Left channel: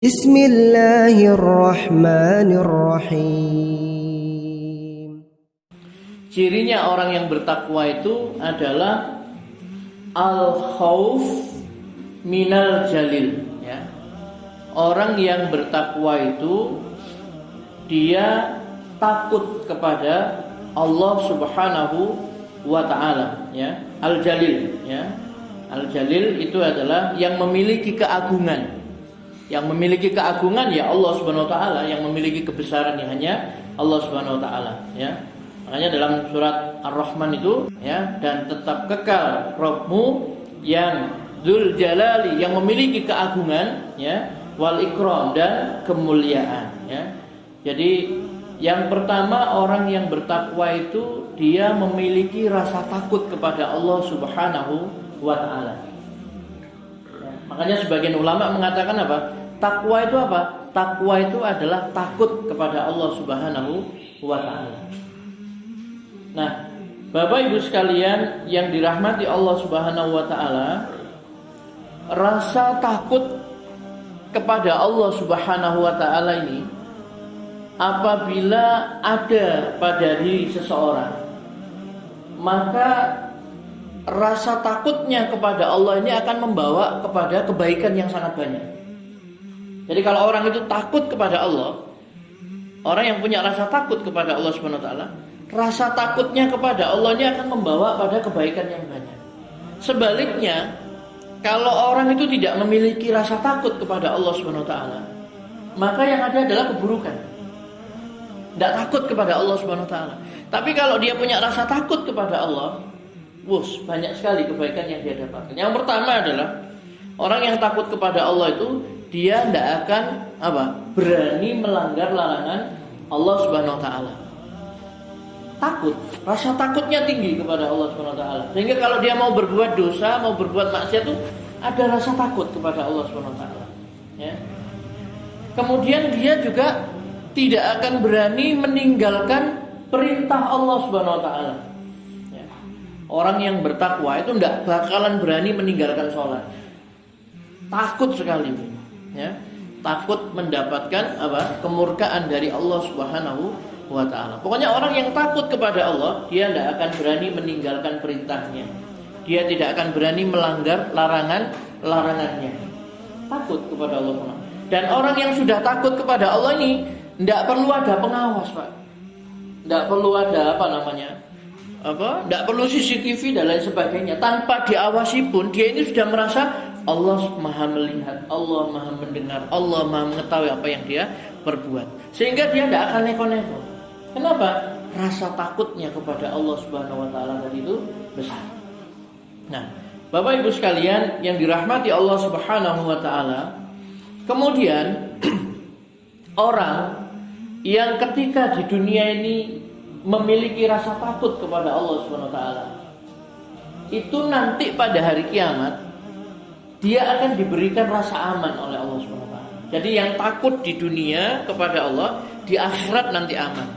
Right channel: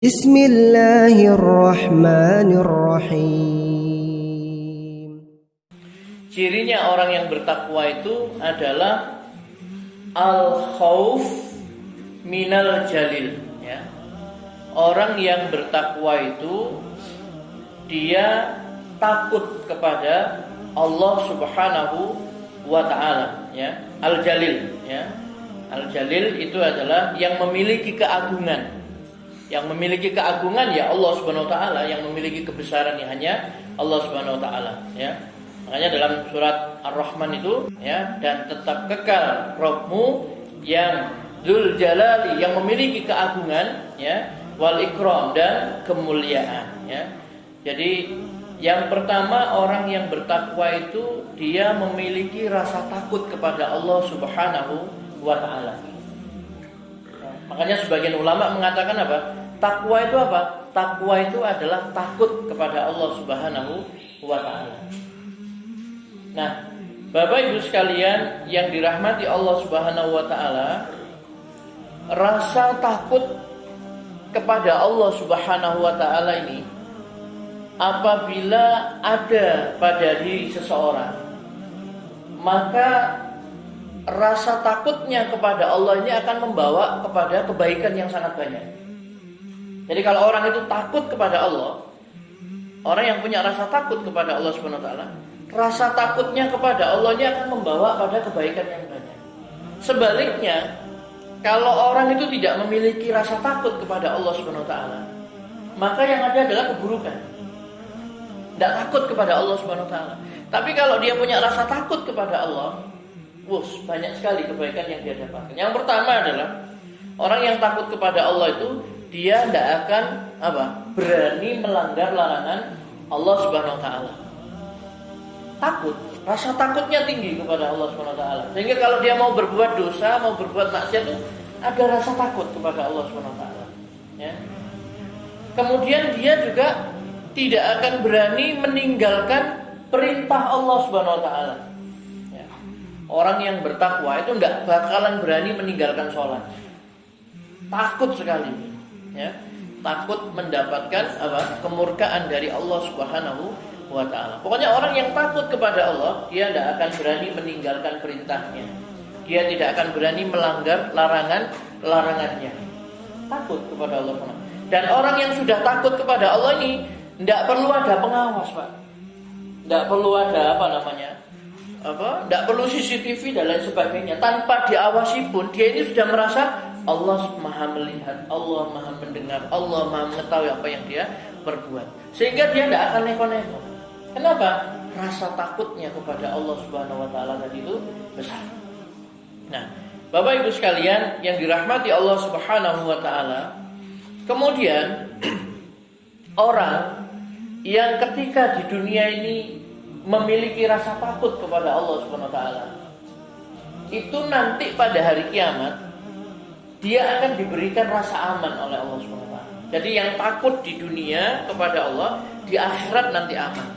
Bismillahirrahmanirrahim. Cirinya orang yang bertakwa itu adalah al-khauf minal jalil, ya. Orang yang bertakwa itu dia takut kepada Allah Subhanahu wa taala, ya. Al-jalil, ya. Al-jalil itu adalah yang memiliki keagungan. Yang memiliki keagungan ya Allah Subhanahu wa taala, yang memiliki kebesaran ya hanya Allah Subhanahu wa taala, ya. Makanya dalam surat Ar-Rahman itu, ya, dan tetap kekal Rabbmu yang Dzul Jalali, yang memiliki keagungan, ya, wal ikram, dan kemuliaan, ya. Jadi yang pertama, orang yang bertakwa itu dia memiliki rasa takut kepada Allah Subhanahu wa taala. Makanya sebagian ulama mengatakan apa? Takwa itu apa? Takwa itu adalah takut kepada Allah Subhanahu wa taala. Nah, Bapak Ibu sekalian yang dirahmati Allah Subhanahu wa taala, rasa takut kepada Allah Subhanahu wa taala ini apabila ada pada diri seseorang, maka rasa takutnya kepada Allah ini akan membawa kepada kebaikan yang sangat banyak. Jadi kalau orang itu takut kepada Allah, orang yang punya rasa takut kepada Allah Subhanahu wa taala, rasa takutnya kepada Allah ini akan membawa pada kebaikan yang banyak. Sebaliknya, kalau orang itu tidak memiliki rasa takut kepada Allah Subhanahu wa taala, maka yang ada adalah keburukan. Tidak takut kepada Allah Subhanahu wa taala. Tapi kalau dia punya rasa takut kepada Allah, banyak sekali kebaikan yang dia dapatkan. Yang pertama adalah orang yang takut kepada Allah itu dia tidak akan berani melanggar larangan Allah Subhanahu wa taala. Takut, rasa takutnya tinggi kepada Allah Subhanahu wa taala. Sehingga kalau dia mau berbuat dosa, mau berbuat maksiat itu ada rasa takut kepada Allah Subhanahu wa taala, ya. Kemudian dia juga tidak akan berani meninggalkan perintah Allah Subhanahu wa taala. Orang yang bertakwa itu tidak bakalan berani meninggalkan sholat. Takut sekali, ya. Takut mendapatkan kemurkaan dari Allah Subhanahu wa taala. Pokoknya orang yang takut kepada Allah, dia tidak akan berani meninggalkan perintahnya. Dia tidak akan berani melanggar larangannya. Takut kepada Allah. Dan orang yang sudah takut kepada Allah ini tidak perlu ada pengawas, Pak. Tidak perlu ada tidak perlu CCTV dan lain sebagainya. Tanpa diawasi pun dia ini sudah merasa Allah maha melihat, Allah maha mendengar, Allah maha mengetahui apa yang dia perbuat. Sehingga dia tidak akan neko-neko. Kenapa? Rasa takutnya kepada Allah Subhanahu wa taala tadi itu besar. Nah, Bapak Ibu sekalian yang dirahmati Allah Subhanahu wa taala, kemudian orang yang ketika di dunia ini memiliki rasa takut kepada Allah Subhanahu wa taala, itu nanti pada hari kiamat dia akan diberikan rasa aman oleh Allah Subhanahu wa taala. Jadi yang takut di dunia kepada Allah, di akhirat nanti aman.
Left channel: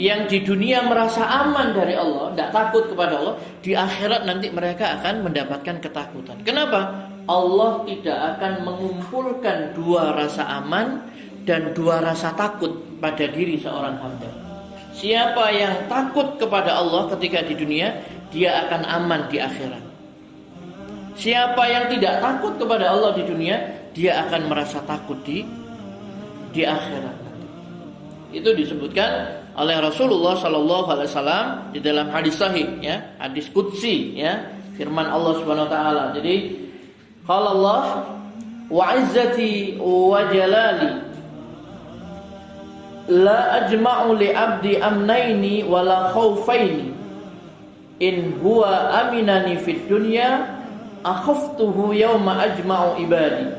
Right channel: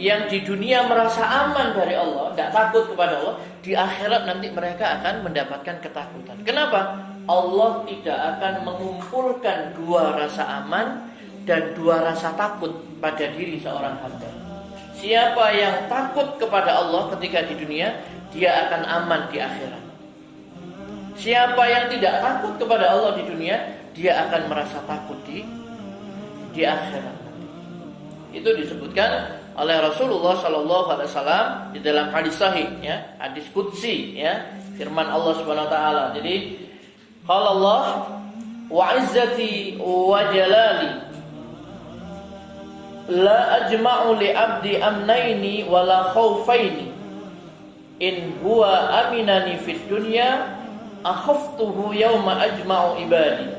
Yang di dunia merasa aman dari Allah, tidak takut kepada Allah, di akhirat nanti mereka akan mendapatkan ketakutan. Kenapa? Allah tidak akan mengumpulkan dua rasa aman dan dua rasa takut pada diri seorang hamba. Siapa yang takut kepada Allah ketika di dunia, dia akan aman di akhirat. Siapa yang tidak takut kepada Allah di dunia, dia akan merasa takut di akhirat. Itu disebutkan oleh Rasulullah sallallahu alaihi wasallam di dalam hadis sahih, ya, hadis qudsi, ya, firman Allah Subhanahu wa taala. Jadi qala Allah wa izzati wa jalali la ajma'u li 'abdi amnaini wa la khaufaini in huwa aminani fid dunya akhaftuhu yawma ajma'u ibadi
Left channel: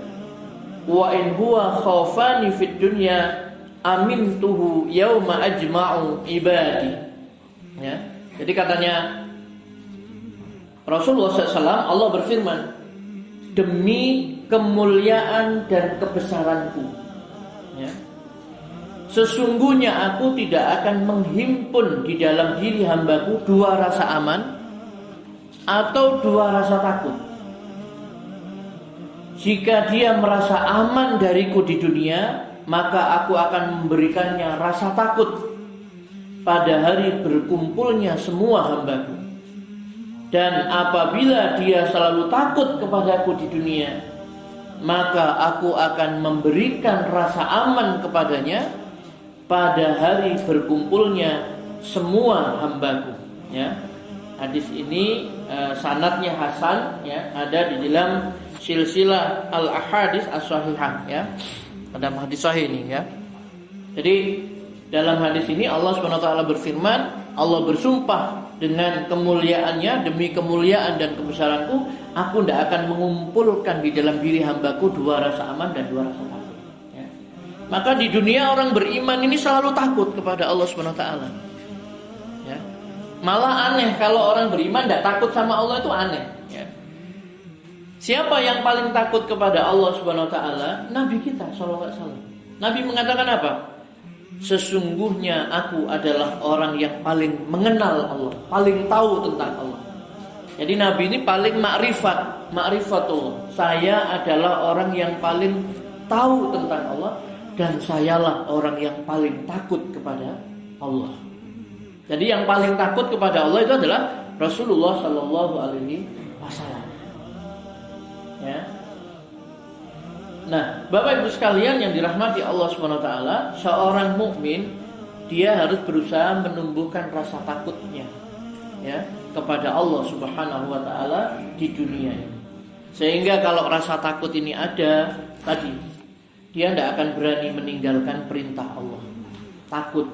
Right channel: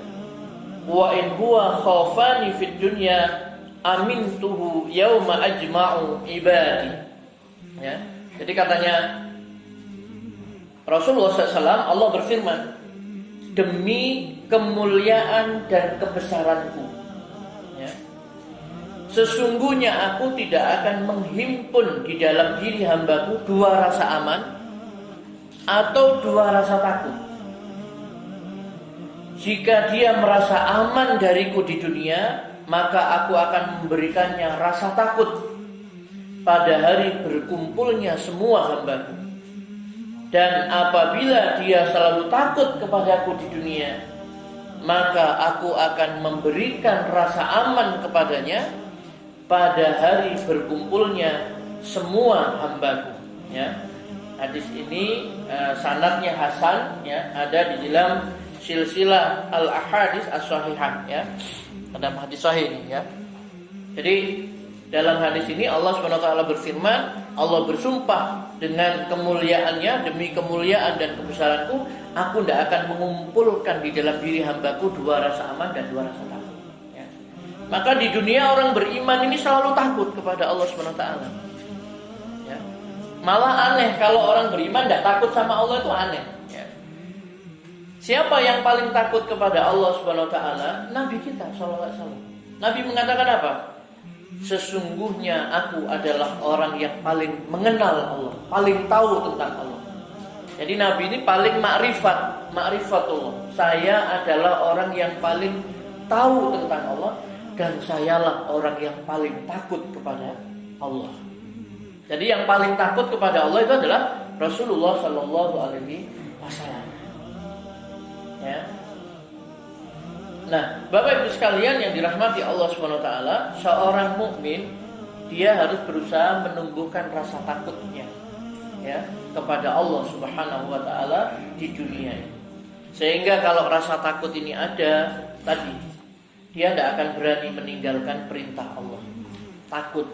wa in huwa khafani fid dunya amintuhu yawma ajma'u ibadi. Ya. Jadi katanya Rasulullah SAW, Allah berfirman, demi kemuliaan dan kebesaranku, ya, sesungguhnya aku tidak akan menghimpun di dalam diri hambaku dua rasa aman atau dua rasa takut. Jika dia merasa aman dariku di dunia, maka aku akan memberikannya rasa takut pada hari berkumpulnya semua hambaku. Dan apabila dia selalu takut kepadaku di dunia, maka aku akan memberikan rasa aman kepadanya pada hari berkumpulnya semua hambaku. Ya. Hadis ini sanadnya hasan, ya, ada di dalam silsilah al-ahadits as-sahihah, ya. Dalam hadis sahih ini, ya. Jadi dalam hadis ini Allah SWT berfirman, Allah bersumpah dengan kemuliaannya, demi kemuliaan dan kebesaranku, aku tidak akan mengumpulkan di dalam diri hambaku dua rasa aman dan dua rasa takut. Ya. Maka di dunia orang beriman ini selalu takut kepada Allah SWT. Ya. Malah aneh kalau orang beriman tidak takut sama Allah, itu aneh. Ya. Siapa yang paling takut kepada Allah SWT? Nabi kita SAW. Nabi mengatakan apa? Sesungguhnya aku adalah orang yang paling mengenal Allah, paling tahu tentang Allah. Jadi Nabi ini paling ma'rifatullah. Saya adalah orang yang paling tahu tentang Allah, dan sayalah orang yang paling takut kepada Allah. Jadi yang paling takut kepada Allah itu adalah Rasulullah Sallallahu Alaihi Wasallam. Ya. Nah, Bapak Ibu sekalian yang dirahmati Allah SWT, seorang mukmin dia harus berusaha menumbuhkan rasa takutnya, ya, kepada Allah Subhanahu wa taala di dunia ini. Sehingga kalau rasa takut ini ada, tadi dia tidak akan berani meninggalkan perintah Allah. Takut.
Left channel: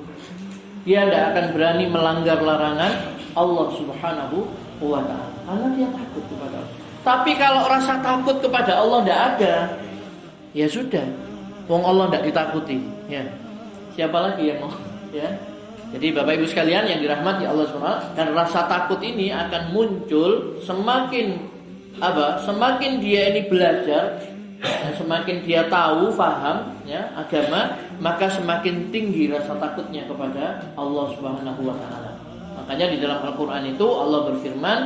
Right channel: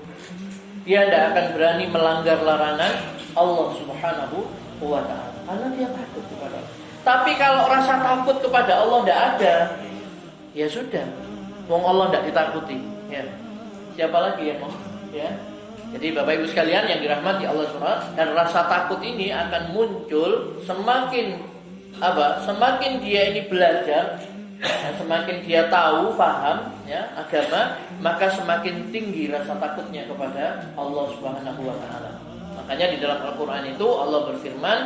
Dia tidak akan berani melanggar larangan Allah Subhanahu wa taala karena dia takut kepada Allah. Tapi kalau rasa takut kepada Allah tidak ada, ya sudah, wong Allah tidak ditakuti, ya. Siapa lagi yang mau, ya? Jadi Bapak Ibu sekalian yang dirahmati Allah SWT, dan rasa takut ini akan muncul semakin semakin dia ini belajar, semakin dia tahu, paham, ya, agama, maka semakin tinggi rasa takutnya kepada Allah Subhanahu wa taala. Makanya di dalam Al-Qur'an itu Allah berfirman,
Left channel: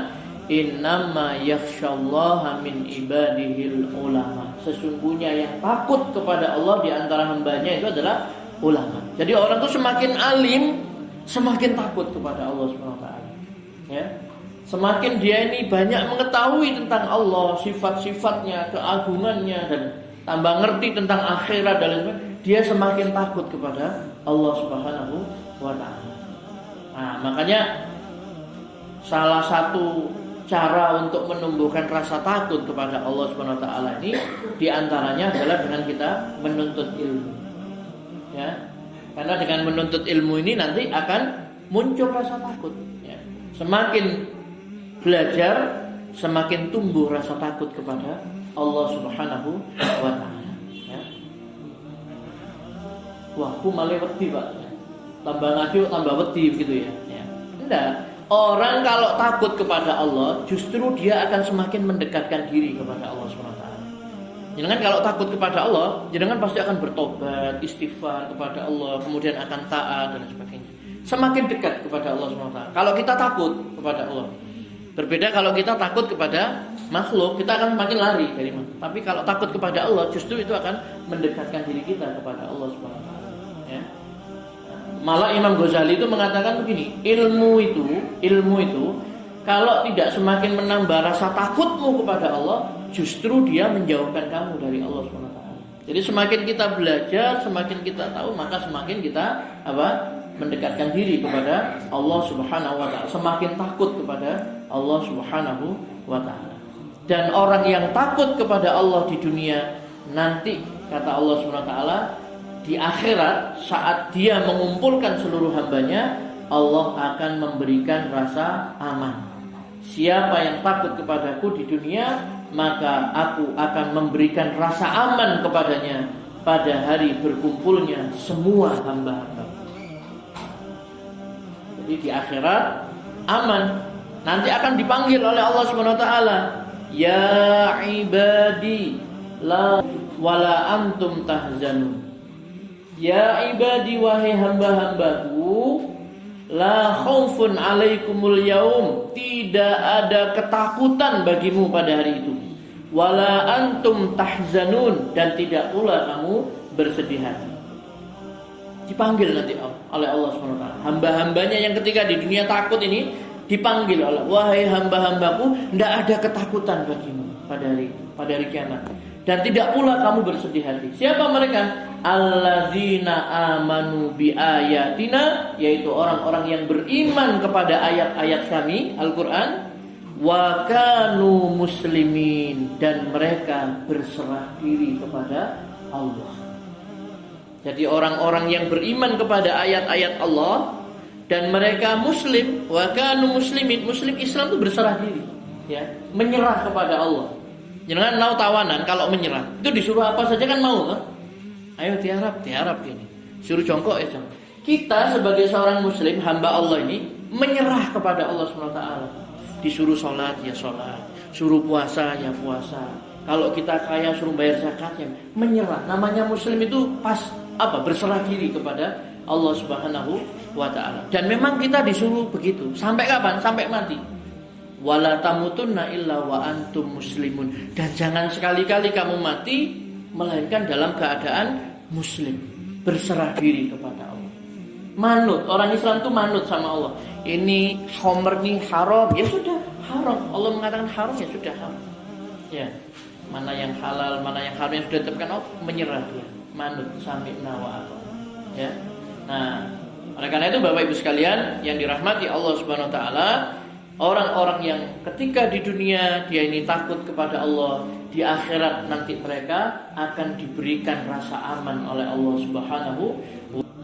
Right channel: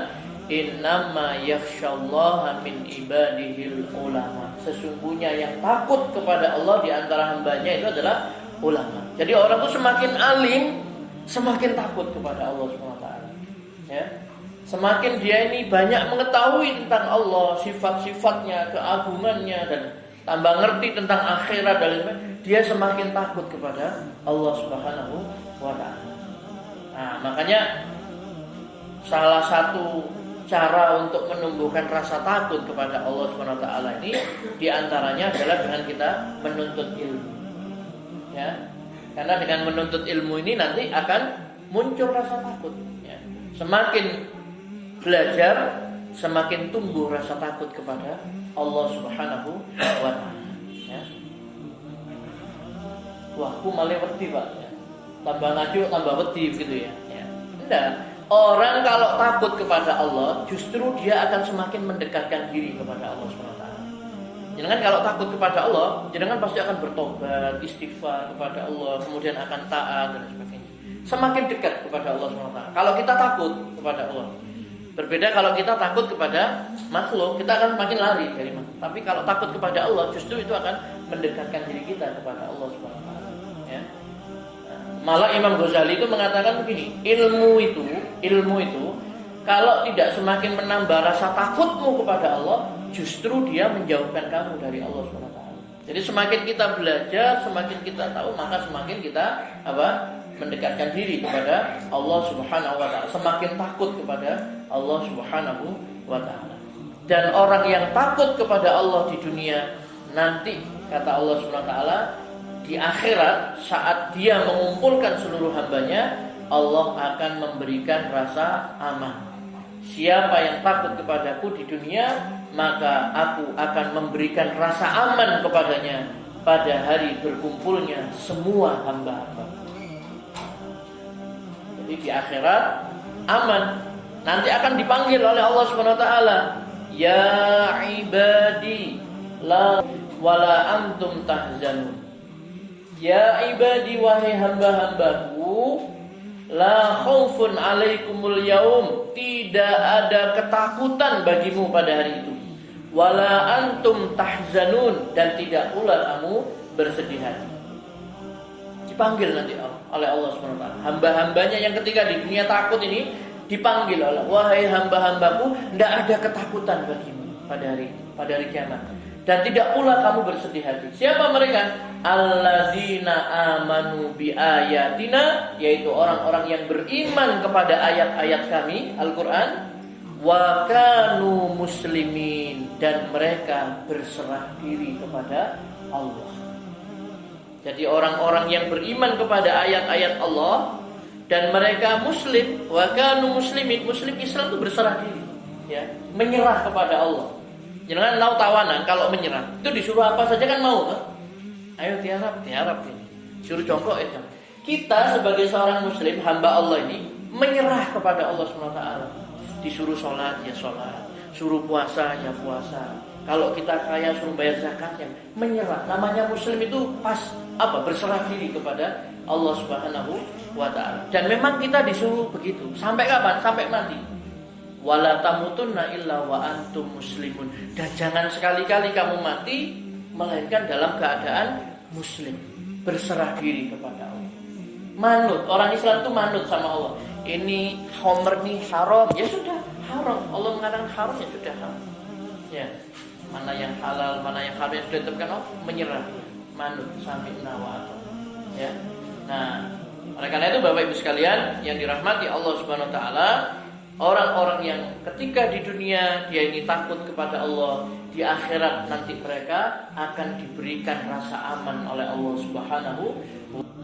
innama yakhsyallaha min ibadihil ulama. Sesungguhnya yang takut kepada Allah di antara hambanya itu adalah ulama. Jadi orang itu semakin alim, semakin takut kepada Allah SWT. Ya. Semakin dia ini banyak mengetahui tentang Allah, sifat-sifatnya, keagungannya, dan tambah ngerti tentang akhirat dan lain-lain, dia semakin takut kepada Allah Subhanahu wa taala. Nah, makanya salah satu cara untuk menumbuhkan rasa takut kepada Allah SWT ini diantaranya adalah dengan kita menuntut ilmu, ya. Karena dengan menuntut ilmu ini nanti akan muncul rasa takut, ya. Semakin belajar, semakin tumbuh rasa takut kepada Allah Subhanahu wa taala, ya. Wah, aku malah wedi, Pak. Tambah ngaji tambah wedi gitu, ya. Enggak. Orang kalau takut kepada Allah, justru dia akan semakin mendekatkan diri kepada Allah SWT. Jangan kalau takut kepada Allah, jangan pasti akan bertobat, istighfar kepada Allah, kemudian akan taat dan sebagainya. Semakin dekat kepada Allah SWT. Kalau kita takut kepada Allah, berbeda kalau kita takut kepada makhluk, kita akan semakin lari dari makhluk. Tapi kalau takut kepada Allah, justru itu akan mendekatkan diri kita kepada Allah SWT. Ya. Malah Imam Ghazali itu mengatakan begini, ilmu itu kalau tidak semakin menambah rasa takutmu kepada Allah, justru dia menjauhkan kamu dari Allah SWT. Jadi semakin kita belajar, semakin kita tahu, maka semakin kita mendekatkan diri kepada Allah Subhanahu wa taala, semakin takut kepada Allah Subhanahu wa taala. Dan orang yang takut kepada Allah di dunia, nanti kata Allah Subhanahu wa taala, di akhirat saat dia mengumpulkan seluruh hambanya, Allah akan memberikan rasa aman. Siapa yang takut kepadaku di dunia, maka aku akan memberikan rasa aman kepadanya pada hari berkumpulnya semua hamba-hamba. Jadi di akhirat aman. Nanti akan dipanggil oleh Allah Subhanahu wa taala, ya ibadi la wala antum tahzanun. Ya ibadi, wahai hamba-hambaku, la khaufun alaikumul yaum, tidak ada ketakutan bagimu pada hari itu. wala antum tahzanun, dan tidak pula kamu bersedih hati. Dipanggil nanti oleh Allah SWT. Hamba-hambanya yang ketika di dunia takut ini dipanggil oleh, wahai hamba-hambaku, tidak ada ketakutan bagimu pada hari kiamat, dan tidak pula kamu bersedih hati. Siapa mereka? Alladzina amanu bi ayatina, yaitu orang-orang yang beriman kepada ayat-ayat kami Al-Quran, wa kanu muslimin, dan mereka berserah diri kepada Allah. Jadi orang-orang yang beriman kepada ayat-ayat Allah dan mereka muslim, wa kanu muslimin, muslim Islam itu berserah diri, ya, menyerah kepada Allah. Jangan mau tawanan kalau menyerah. Itu disuruh apa saja kan mau, kan? Ayo tiarap ini. Suruh jongkok ya. Kita sebagai seorang muslim, hamba Allah ini menyerah kepada Allah SWT. Disuruh sholat ya sholat, suruh puasa ya puasa. Kalau kita kaya suruh bayar zakat ya menyerah. Namanya muslim itu pas berserah diri kepada Allah Subhanahu wa ta'ala. Dan memang kita disuruh begitu. Sampai kapan? Sampai mati. Wala tamutunna illa wa antum muslimun. Dan jangan sekali-kali kamu mati melainkan dalam keadaan muslim, berserah diri kepada Allah. Manut, orang Islam itu manut sama Allah. Ini khamr nih haram, ya sudah haram. Allah mengatakan haram, ya sudah haram. Ya, mana yang halal, mana yang haram yang sudah ditetapkan Allah, menyerah, manut sampai nawa. Ya. Nah, oleh karena itu Bapak Ibu sekalian yang dirahmati Allah Subhanahu wa taala, orang-orang yang ketika di dunia dia ini takut kepada Allah, di akhirat nanti mereka akan diberikan rasa aman oleh Allah Subhanahu wa taala.